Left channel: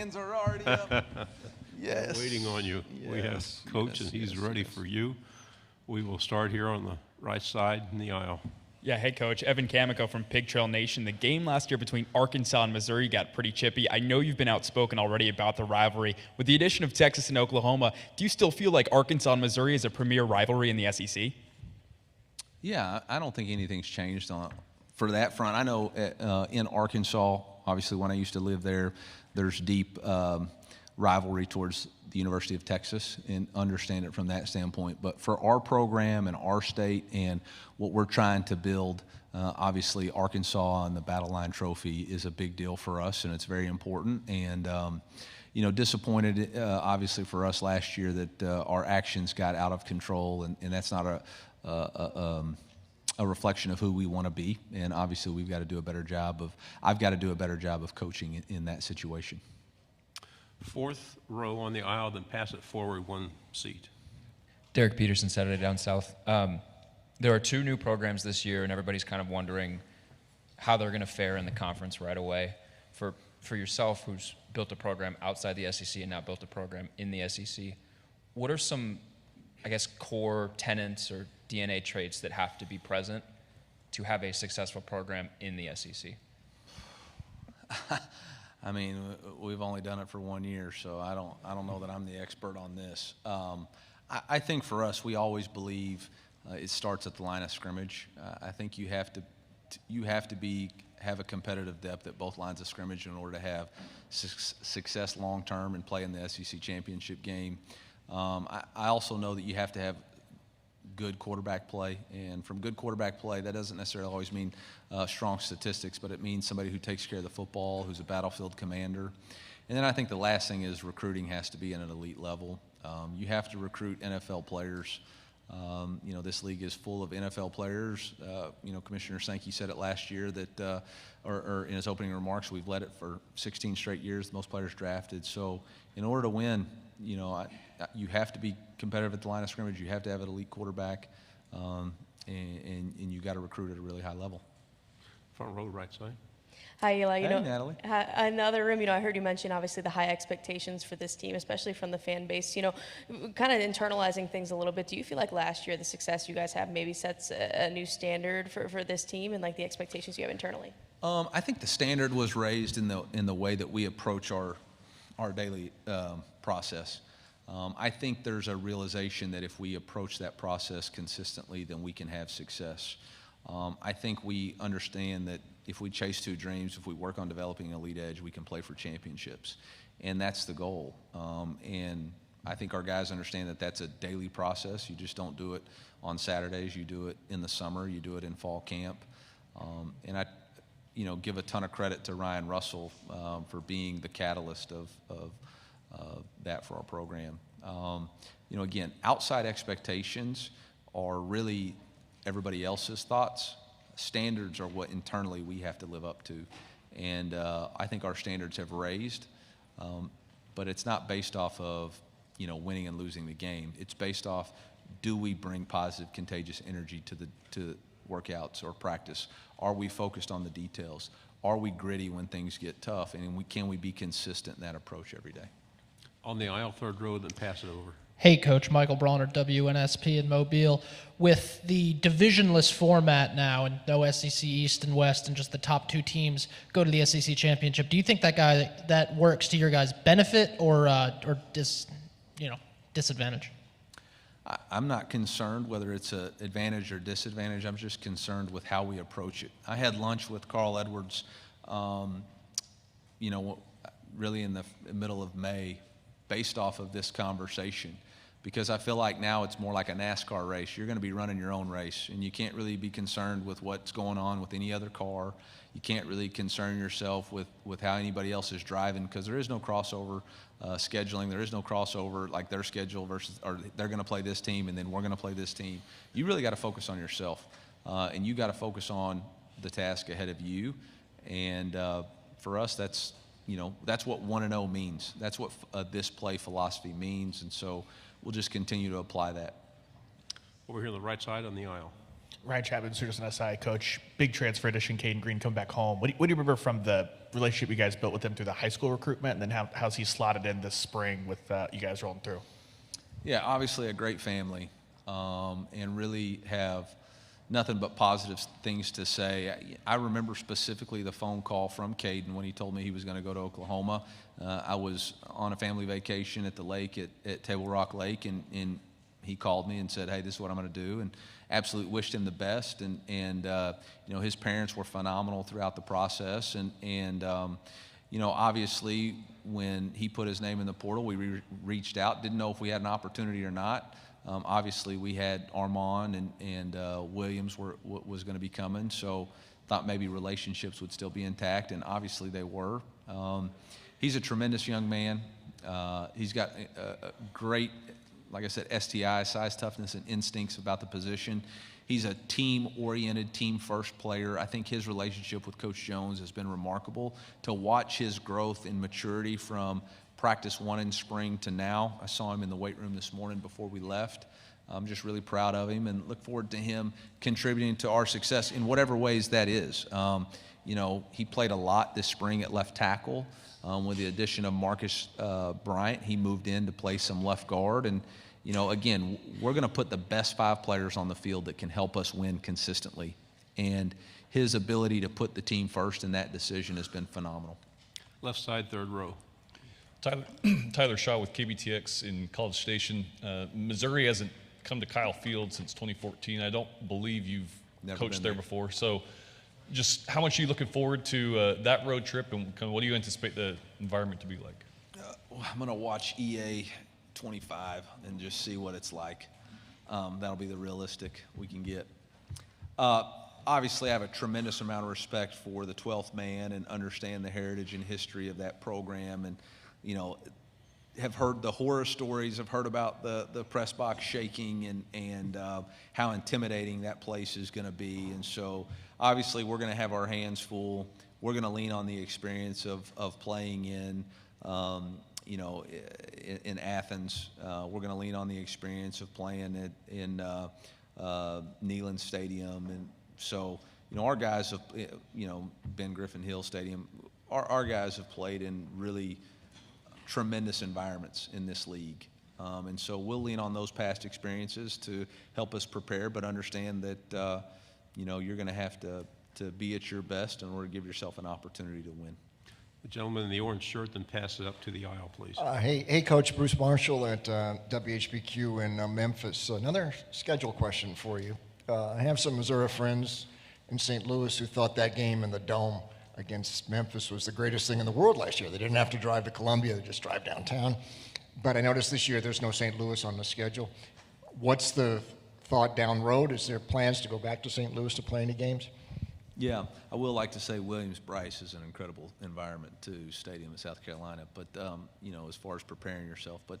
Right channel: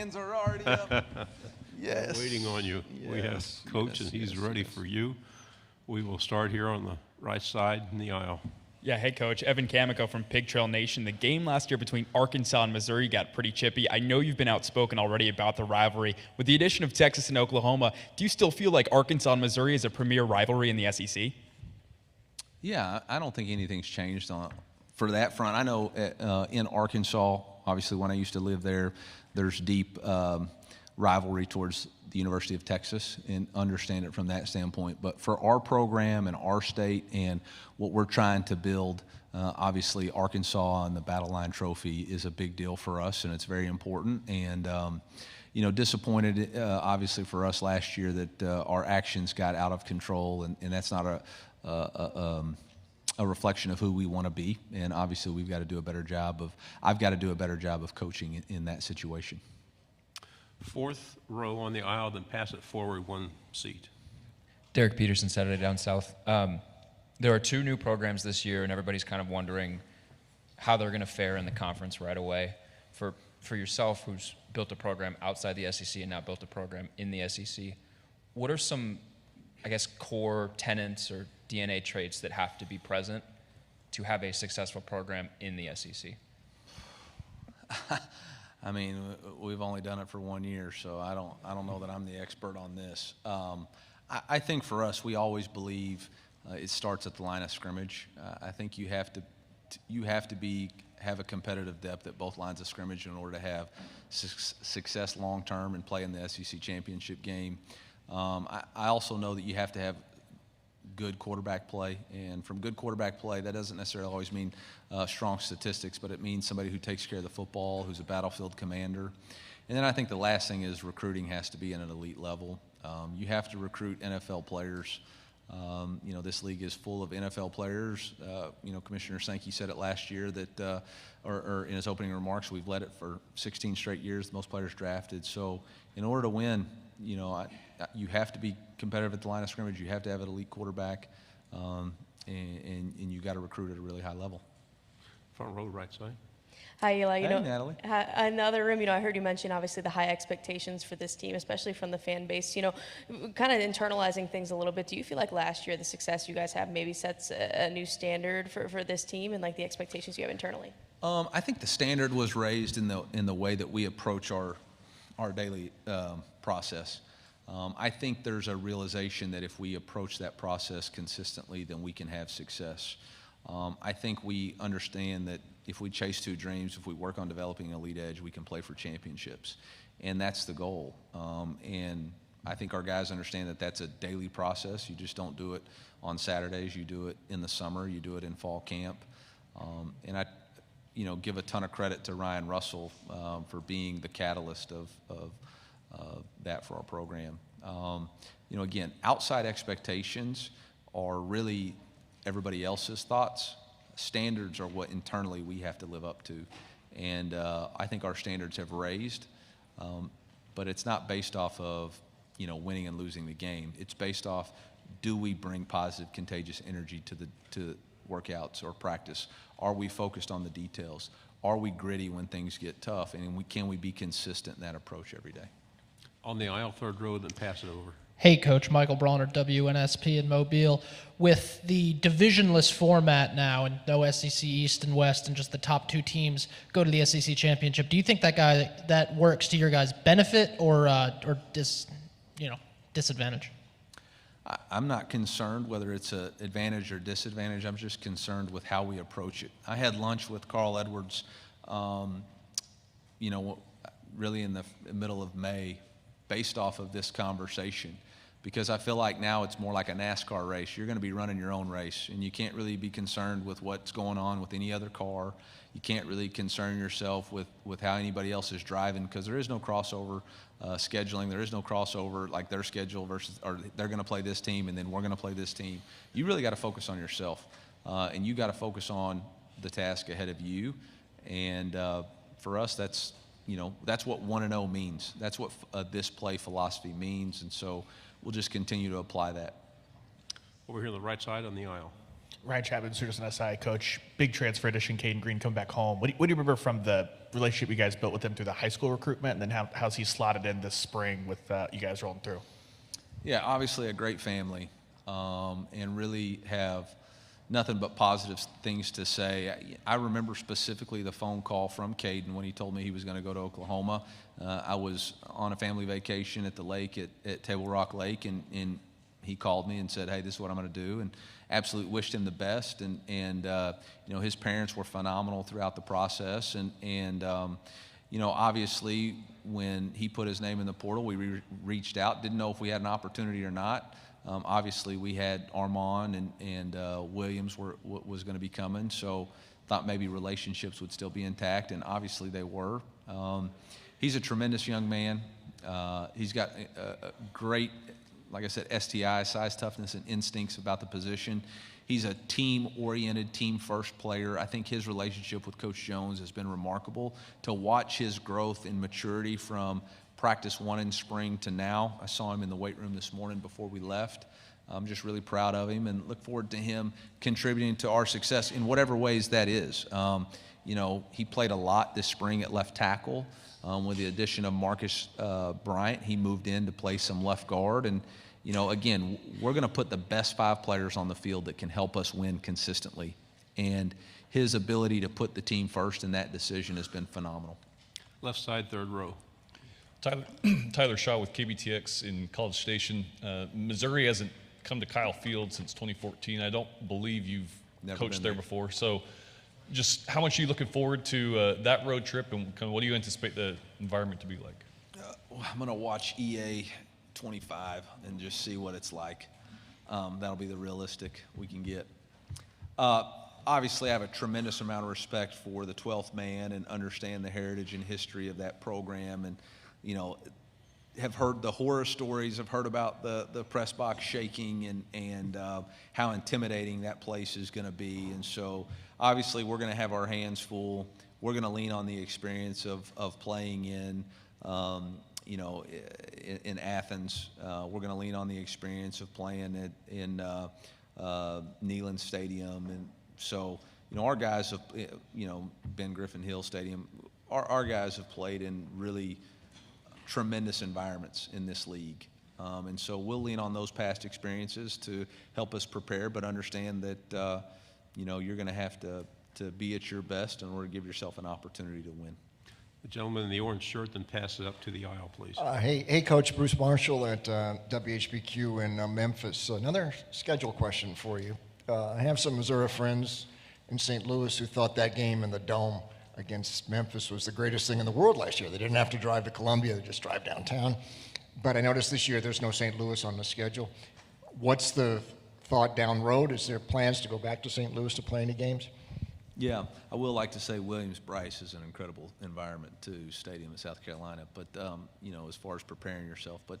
hands are already up. Yes. We're waiting on you. Yes. We have Coach, and he's ready for you. We will start here on the right side in the aisle. Yeah, Head Coach, Evan Kamico from Pig Trail Nation. The game last year between Arkansas and Missouri got pretty chippy. I know you've been outspoken already about the rivalry. With the addition of Texas and Oklahoma, do you still feel like Arkansas and Missouri is a premier rivalry in the SEC? Yeah, I don't think anything's changed for that front. I know in Arkansas, obviously when I used to live there, there's deep rivalry towards the University of Texas, and understand it from that standpoint. But for our program and our state and what we're trying to build, obviously Arkansas and the Battle Line Trophy is a big deal for us, and it's very important. And disappointed obviously for us last year that our actions got out of control, and that's not a reflection of who we want to be. And obviously I've got to do a better job of coaching in that situation. Fourth row on the aisle, then pass it forward one seat. Derek Peterson, Saturday Down South. There are 2 new programs this year, and everybody's kind of wondering how they're going to fare in the conference right away. For yourself, who's built a program outside the SEC and now built a program in the SEC, what are some, I guess, core tenets or DNA traits that have to be present to have a successful program in the SEC? I mean, we've only done it for 1 year, so I don't know that I'm the expert on this. I think for us, we always believe it starts at the line of scrimmage. I think you have to have a competitive depth at both lines of scrimmage in order to have success long term and play in the SEC championship game. I also know that you have to have good quarterback play, and from good quarterback play, that doesn't necessarily always mean strong statistics, but it means somebody who takes care of the football, who's a battlefield commander. And then I think the last thing is recruiting has to be at an elite level. You have to recruit NFL players. This league is full of NFL players. Commissioner Sankey said it last year that, or in his opening remarks, we've led it for 16 straight years, the most players drafted. So in order to win, you have to be competitive at the line of scrimmage. You have to have an elite quarterback, and you got to recruit at a really high level. Front row, right side. Hi, Eli. Natalie. In the other room, I heard you mention obviously the high expectations for this team, especially from the fan base. Kind of internalizing things a little bit. Do you feel like last year the success you guys have maybe sets a new standard for this team and like the expectations you have internally? I think the standard was raised in the way that we approach our daily process. I think there's a realization that if we approach that process consistently, then we can have success. I think we understand that if we chase 2 dreams, if we work on developing an elite edge, we can play for championships. And that's the goal. And I think our guys understand that that's a daily process. You just don't do it on Saturdays. You do it in the summer. You do it in fall camp. And I give a ton of credit to Ryan Russell for being the catalyst of that for our program. Again, outside expectations are really everybody else's thoughts. Standards are what internally we have to live up to. And I think our standards have raised, but it's not based off of, winning and losing the game. It's based off, do we bring positive, contagious energy to workouts or practice? Are we focused on the details? Are we gritty when things get tough? And can we be consistent in that approach every day? On the aisle, third row, then pass it over. Hey, Coach. Michael Bronner, WNSP in Mobile. With the divisionless format now and no SEC East and West and just the top 2 teams go to the SEC Championship, do you think that works to your guys' benefit or disadvantage? I'm not concerned whether it's an advantage or disadvantage. I'm just concerned with how we approach it. I had lunch with Carl Edwards, really in the middle of May, based off of this conversation, because I feel like now it's more like a NASCAR race. You're going to be running your own race, and you can't really be concerned with what's going on with any other car. You can't really concern yourself with how anybody else is driving, because there is no crossover scheduling. There is no crossover like their schedule versus, or they're going to play this team and then we're going to play this team. You really got to focus on yourself, and you got to focus on the task ahead of you. And for us, that's what 1-0 means. That's what this play philosophy means, and so we'll just continue to apply that. Over here on the right side on the aisle. Ryan Chapman, Students and SI coach, big transfer addition, Caden Green come back home. What do you remember from the relationship you guys built with him through the high school recruitment, and then how's he slotted in this spring with you guys rolling through? Yeah, obviously a great family, and really have nothing but positive things to say. I remember specifically the phone call from Caden when he told me he was going to go to Oklahoma. I was on a family vacation at the lake at Table Rock Lake, and he called me and said, "Hey, this is what I'm going to do," and absolutely wished him the best. And you know, his parents were phenomenal throughout the process, and you know, obviously when he put his name in the portal, we reached out, didn't know if we had an opportunity or not. Obviously we had Armand and Williams was going to be coming, so thought maybe relationships would still be intact, and obviously they were. He's a tremendous young man. He's got a great, like I said, STI, size, toughness, and instincts about the position. He's a team-oriented, team-first player. I think his relationship with Coach Jones has been remarkable. To watch his growth and maturity from practice one in spring to now. I saw him in the weight room this morning before we left. I'm just really proud of him and look forward to him contributing to our success in whatever ways that is. You know, he played a lot this spring at left tackle. With the addition of Marcus Bryant, he moved in to play some left guard. And, you know, again, we're going to put the best 5 players on the field that can help us win consistently. And his ability to put the team first in that decision has been phenomenal. Left side, third row. Tyler Shaw with KBTX in College Station. Missouri hasn't come to Kyle Field since 2014. I don't believe you've coached there before. So just how much are you looking forward to that road trip, and kind of what do you anticipate the environment to be like? I'm going to watch EA 25 and just see what it's like. That'll be the realistic we can get. Obviously, I have a tremendous amount of respect for the 12th man and understand the heritage and history of that program, and you know, have heard the horror stories, have heard about the press box shaking and how intimidating that place is going to be. And so obviously we're going to have our hands full. We're going to lean on the experience of playing in, you know, in Athens. We're going to lean on the experience of playing in Neyland Stadium. And so, you know, our guys have, you know, Ben Griffin Hill Stadium, our guys have played in really tremendous environments in this league. And so we'll lean on those past experiences to help us prepare, but understand that, you know, you're going to have to be at your best in order to give yourself an opportunity to win. The gentleman in the orange shirt, then pass it up to the aisle, please. Hey, Coach, Bruce Marshall at WHBQ in Memphis. So another schedule question for you. I have some Missouri friends in St. Louis who thought that game in the Dome against Memphis was the greatest thing in the world last year. They didn't have to drive to Columbia, they just drive downtown. But I noticed this year there's no St. Louis on the schedule. What's the thought down road? Is there plans to go back to St. Louis to play any games? Yeah, I will like to say Williams-Brice is an incredible environment too, stadium in South Carolina. But, you know, as far as preparing yourself. But,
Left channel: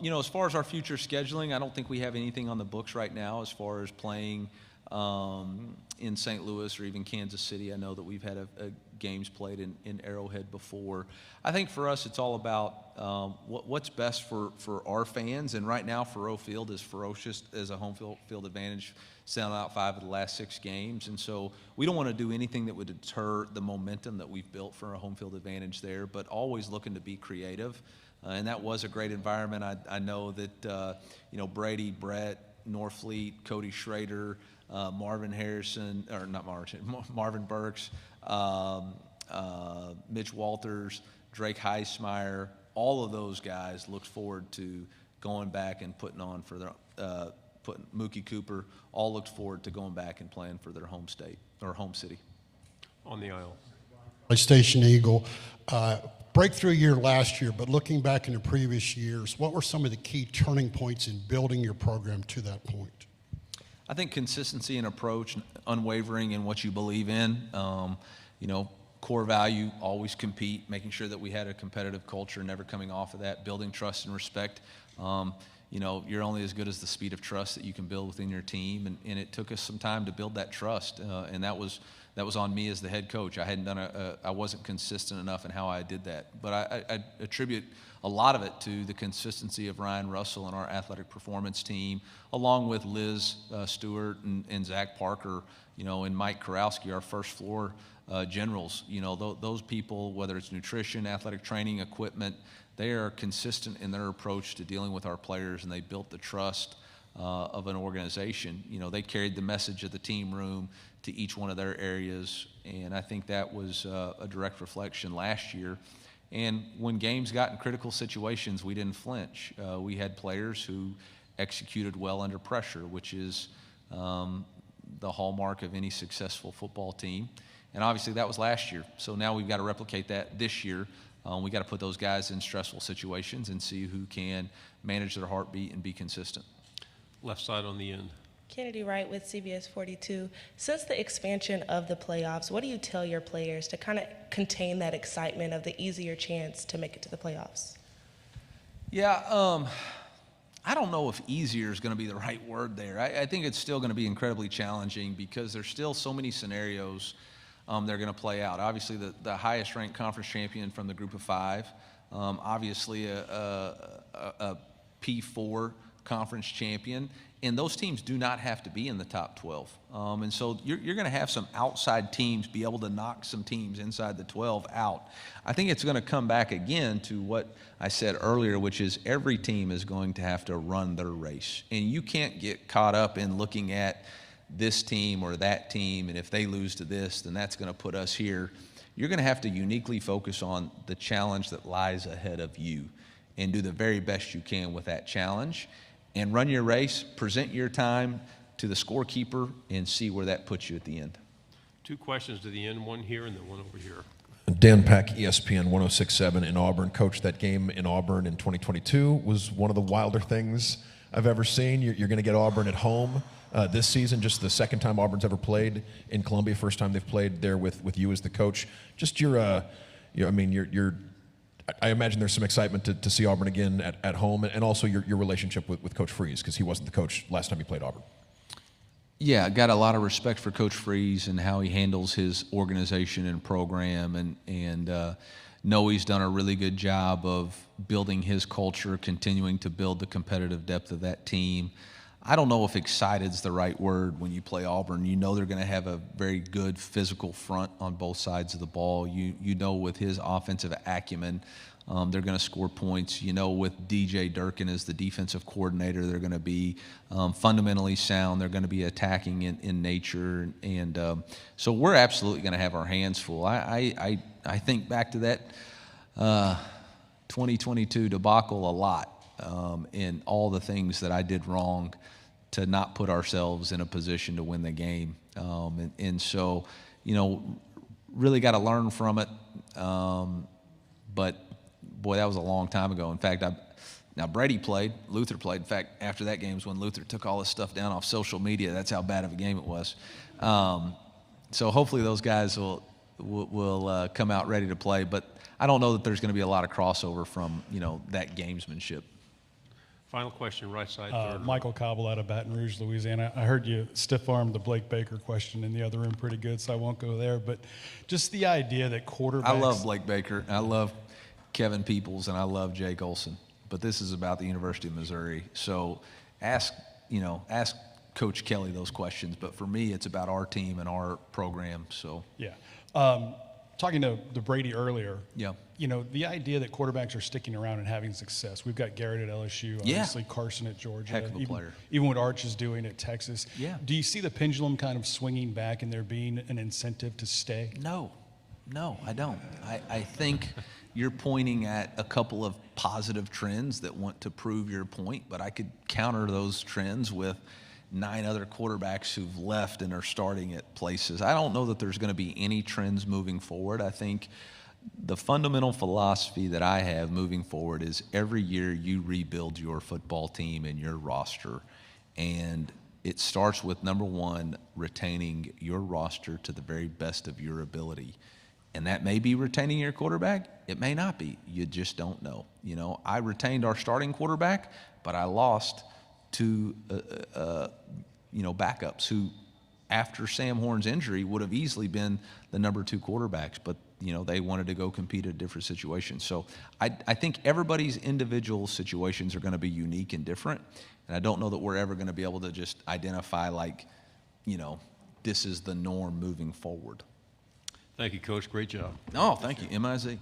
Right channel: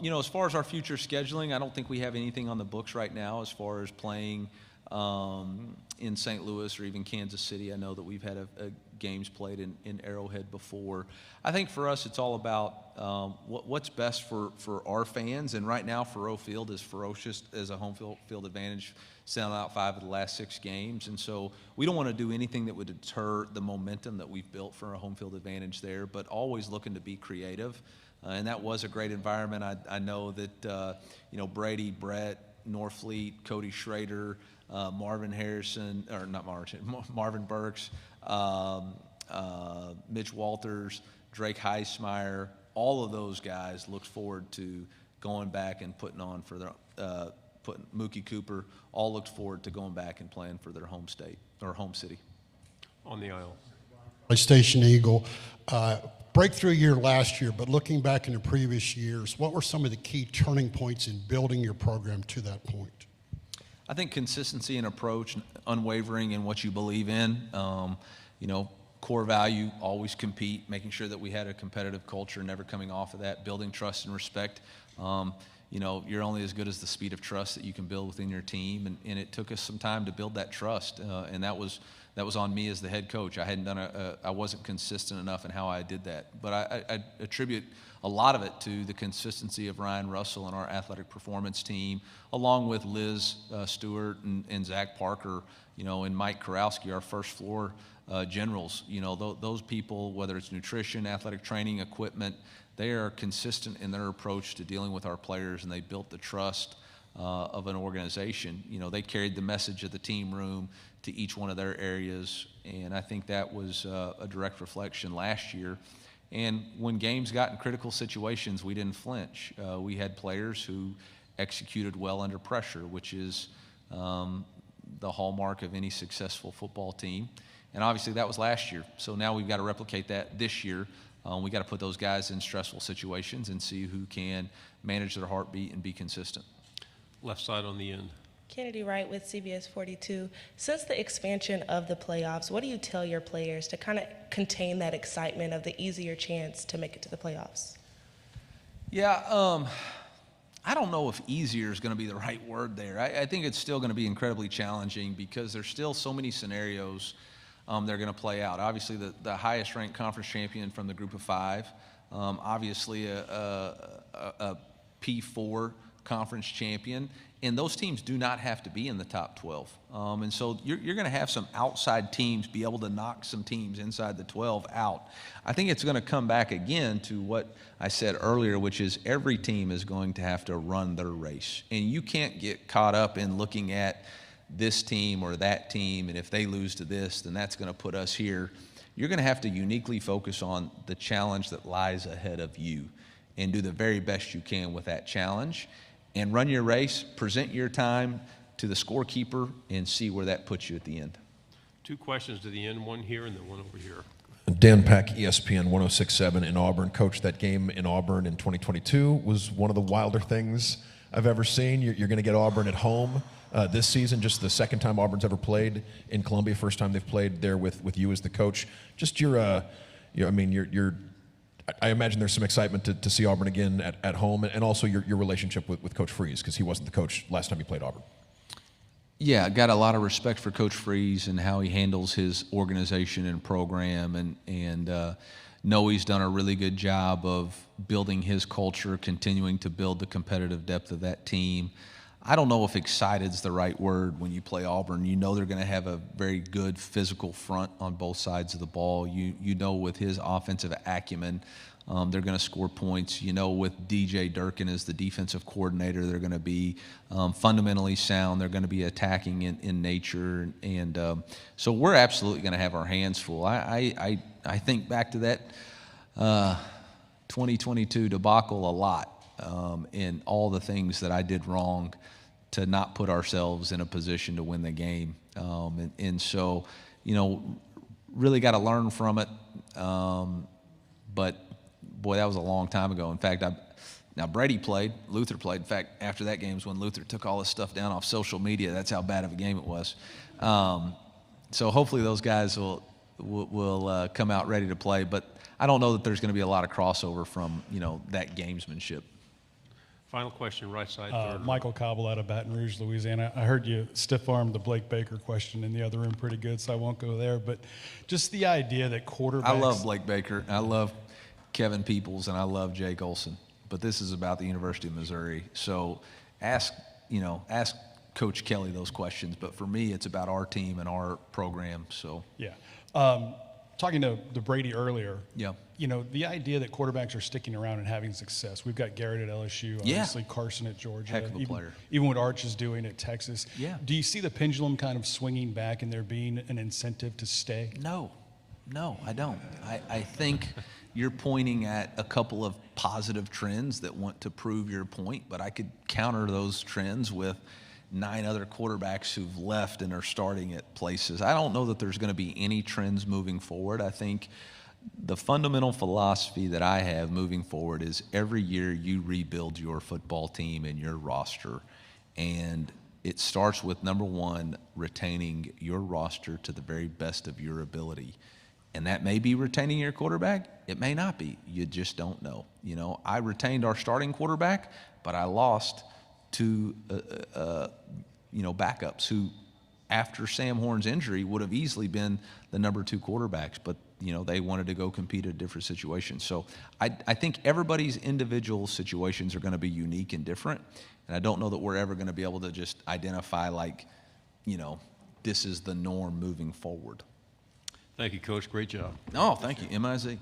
you know, as far as our future scheduling, I don't think we have anything on the books right now as far as playing in St. Louis or even Kansas City. I know that we've had games played in Arrowhead before. I think for us it's all about what's best for our fans, and right now Faurot Field is ferocious as a home field advantage, selling out 5 of the last 6 games, and so we don't want to do anything that would deter the momentum that we've built for a home field advantage there, but always looking to be creative. And that was a great environment. I know that you know, Brady, Brett, Norfleet, Cody Schrader, Marvin Harrison, or not Marvin, Marvin Burks, Mitch Walters, Drake Heismeyer, all of those guys look forward to going back and putting on for their, Mookie Cooper, all looked forward to going back and playing for their home state or home city. On the aisle. Station Eagle. Breakthrough year last year, but looking back into previous years, what were some of the key turning points in building your program to that point? I think consistency in approach, unwavering in what you believe in. You know, core value, always compete, making sure that we had a competitive culture, never coming off of that, building trust and respect. You know, you're only as good as the speed of trust that you can build within your team, and it took us some time to build that trust, and that was that was on me as the head coach. I hadn't done I wasn't consistent enough in how I did that. But I attribute a lot of it to the consistency of Ryan Russell and our athletic performance team, along with Liz Stewart and Zach Parker, and Mike Korowski, our first floor generals. Those people, whether it's nutrition, athletic training, equipment, they are consistent in their approach to dealing with our players, and they built the trust of an organization. They carried the message of the team room to each one of their areas, and I think that was a direct reflection last year. And when games got in critical situations, we didn't flinch. We had players who executed well under pressure, which is the hallmark of any successful football team. And obviously that was last year. So now we've got to replicate that this year. We got to put those guys in stressful situations and see who can manage their heartbeat and be consistent. Left side on the end. Kennedy Wright with CBS 42. Since the expansion of the playoffs, what do you tell your players to kind of contain that excitement of the easier chance to make it to the playoffs? Yeah, I don't know if easier is going to be the right word there. I think it's still going to be incredibly challenging because there's still so many scenarios they're going to play out. Obviously, the highest ranked conference champion from the group of five, obviously a P4 conference champion, and those teams do not have to be in the top 12. And so you're going to have some outside teams be able to knock some teams inside the 12 out. I think it's going to come back again to what I said earlier, which is every team is going to have to run their race. And you can't get caught up in looking at this team or that team, and if they lose to this, then that's going to put us here. You're going to have to uniquely focus on the challenge that lies ahead of you and do the very best you can with that challenge. And run your race, present your time to the scorekeeper, and see where that puts you at the end. Two questions to the end, one here and then one over here. Dan Peck, ESPN 106.7 in Auburn. Coach, that game in Auburn in 2022 was one of the wilder things I've ever seen. You're going to get Auburn at home this season, just the second time Auburn's ever played in Columbia, first time they've played there with you as the coach. Just I imagine there's some excitement to see Auburn again at home, and also your relationship with Coach Freeze, because he wasn't the coach last time he played Auburn. Yeah, got a lot of respect for Coach Freeze and how he handles his organization and program, and know he's done a really good job of building his culture, continuing to build the competitive depth of that team. I don't know if excited's the right word when you play Auburn. You know they're going to have a very good physical front on both sides of the ball. You know with his offensive acumen, they're going to score points. You know with DJ Durkin as the defensive coordinator, they're going to be fundamentally sound. They're going to be attacking in nature. And so we're absolutely going to have our hands full. I think back to that 2022 debacle a lot in all the things that I did wrong to not put ourselves in a position to win the game. And so, really got to learn from it. But, boy, that was a long time ago. In fact, now Brady played, Luther played. In fact, after that game was when Luther took all this stuff down off social media. That's how bad of a game it was. So hopefully those guys will come out ready to play. But I don't know that there's going to be a lot of crossover from, that gamesmanship. Final question, right side. Michael Cobble out of Baton Rouge, Louisiana. I heard you stiff-armed the Blake Baker question in the other room pretty good, so I won't go there. But just the idea that quarterbacks... I love Blake Baker. I love Kevin Peoples, and I love Jake Olson. But this is about the University of Missouri. So ask Coach Kelly those questions. But for me, it's about our team and our program. So yeah. Talking to Brady earlier, yeah. The idea that quarterbacks are sticking around and having success. We've got Garrett at LSU, obviously Carson at Georgia, heck of a player. Even what Arch is doing at Texas. Yeah. Do you see the pendulum kind of swinging back and there being an incentive to stay? No, I don't. I think you're pointing at a couple of positive trends that want to prove your point, but I could counter those trends with 9 other quarterbacks who've left and are starting at places. I don't know that there's going to be any trends moving forward. I think the fundamental philosophy that I have moving forward is every year you rebuild your football team and your roster. And it starts with, number one, retaining your roster to the very best of your ability. And that may be retaining your quarterback. It may not be. You just don't know. I retained our starting quarterback, but I lost 2 backups who after Sam Horn's injury, would have easily been the number 2 quarterbacks, but they wanted to go compete at a different situation. So I think everybody's individual situations are going to be unique and different, and I don't know that we're ever going to be able to just identify this is the norm moving forward. Thank you, Coach. Great job. Oh, thank you, MIZ.